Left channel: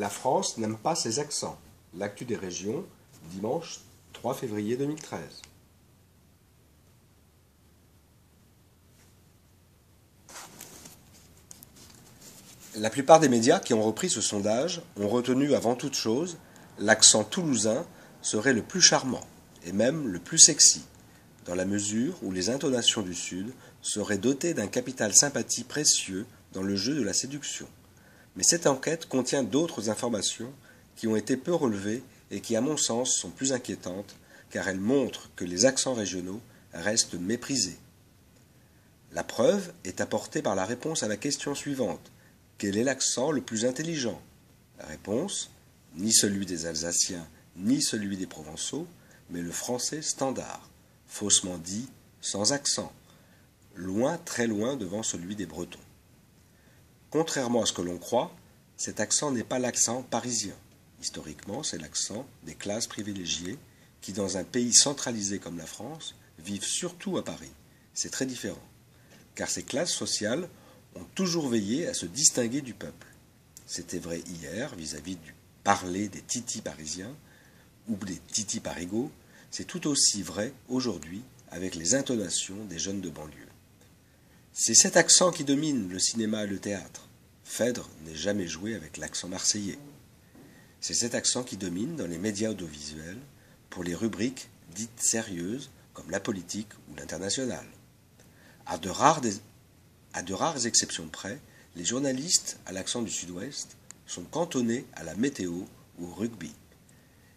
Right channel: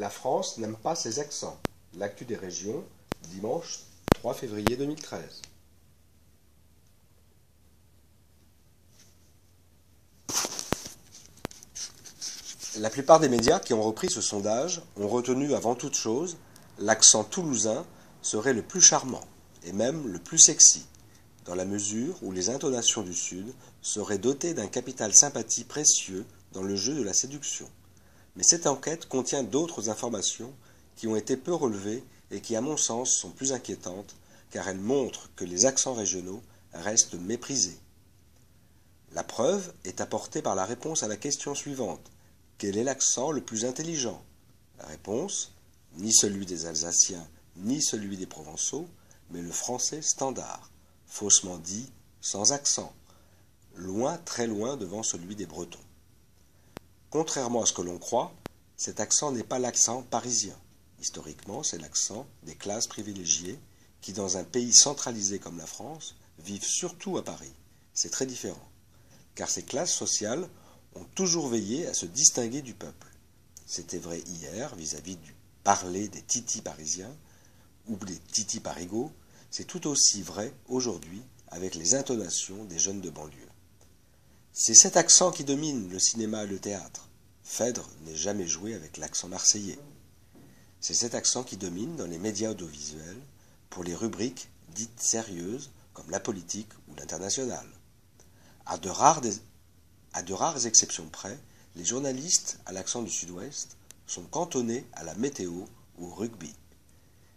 La France n'aime pas ses accents. L'actu des régions, dimanche 3 février 2013. La plupart des médias qui ont repris ce sondage ont retenu avant toute chose l'accent toulousain serait le plus charmant et même le plus sexy, dans la mesure où les intonations du Sud seraient dotées d'un capital sympathie précieux dans le jeu de la séduction. Mais cette enquête contient d'autres informations qui ont été peu relevées et qui, à mon sens, sont plus inquiétantes, car elles montrent que les accents régionaux restent méprisés. La preuve est apportée par la réponse à la question suivante. Quel est l'accent le plus intelligent? La réponse, ni celui des Alsaciens, ni celui des Provençaux, mais le français standard, faussement dit, sans accent, loin, très loin devant celui des Bretons. Contrairement à ce que l'on croit, cet accent n'est pas l'accent parisien. Historiquement, c'est l'accent des classes privilégiées qui, dans un pays centralisé comme la France, vivent surtout à Paris. C'est très différent, car ces classes sociales ont toujours veillé à se distinguer du peuple. C'était vrai hier vis-à-vis du parler des titis parisiens ou des titis parigots, c'est tout aussi vrai aujourd'hui avec les intonations des jeunes de banlieue. C'est cet accent qui domine le cinéma et le théâtre. Phèdre n'est jamais joué avec l'accent marseillais. C'est cet accent qui domine dans les médias audiovisuels pour les rubriques dites sérieuses comme la politique ou l'international. À de rares exceptions près, les journalistes à l'accent du Sud-Ouest sont cantonnés à la météo ou au rugby.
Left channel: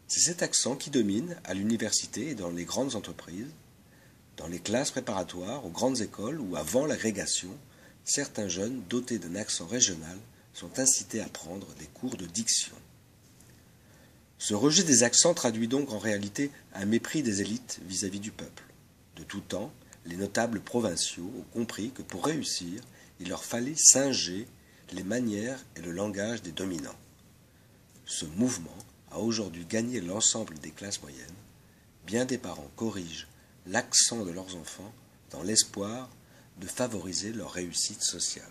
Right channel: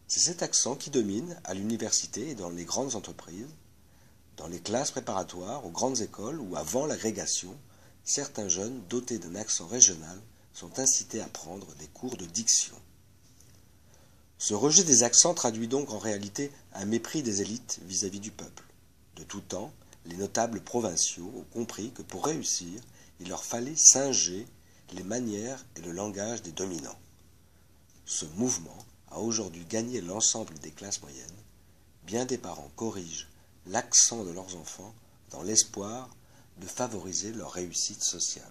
C'est cet accent qui domine à l'université et dans les grandes entreprises, dans les classes préparatoires, aux grandes écoles ou avant l'agrégation, certains jeunes dotés d'un accent régional sont incités à prendre des cours de diction. Ce rejet des accents traduit donc en réalité un mépris des élites vis-à-vis du peuple. De tout temps, les notables provinciaux ont compris que pour réussir, il leur fallait singer les manières et le langage des dominants. Ce mouvement a aujourd'hui gagné l'ensemble des classes moyennes. Bien des parents corrigent l'accent de leurs enfants dans l'espoir de favoriser leur réussite sociale.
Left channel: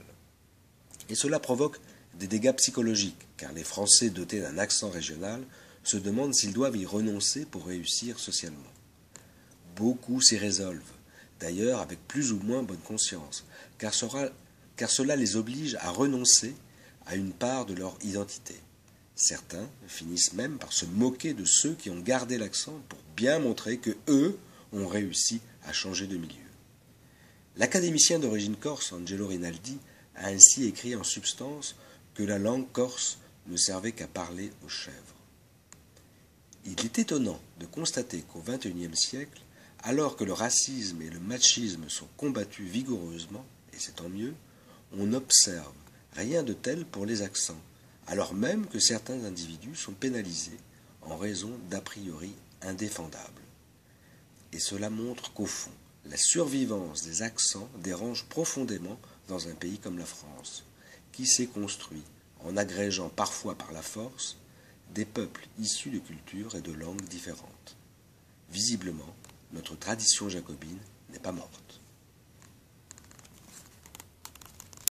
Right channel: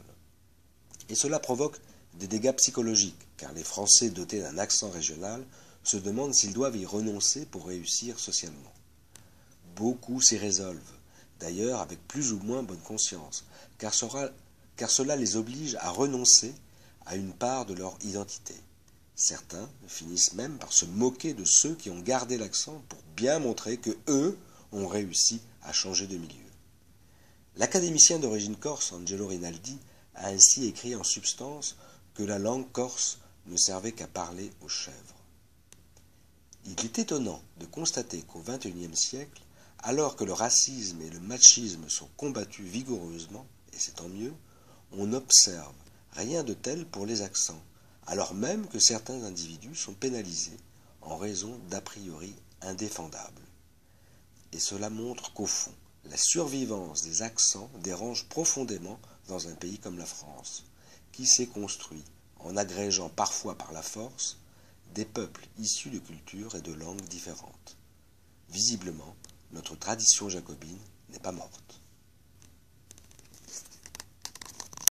Et cela provoque des dégâts psychologiques, car les Français dotés d'un accent régional se demandent s'ils doivent y renoncer pour réussir socialement. Beaucoup s'y résolvent, d'ailleurs avec plus ou moins bonne conscience, car cela les oblige à renoncer à une part de leur identité. Certains finissent même par se moquer de ceux qui ont gardé l'accent pour bien montrer que eux ont réussi à changer de milieu. L'académicien d'origine corse Angelo Rinaldi a ainsi écrit en substance que la langue corse ne servait qu'à parler aux chèvres. Il est étonnant de constater qu'au XXIe siècle, alors que le racisme et le machisme sont combattus vigoureusement, et c'est tant mieux, on n'observe rien de tel pour les accents, alors même que certains individus sont pénalisés en raison d'a priori indéfendables. Et cela montre qu'au fond, la survivance des accents dérange profondément dans un pays comme la France, qui s'est construit en agrégeant parfois par la force des peuples issus de cultures et de langues différentes. Visiblement, notre tradition jacobine n'est pas morte.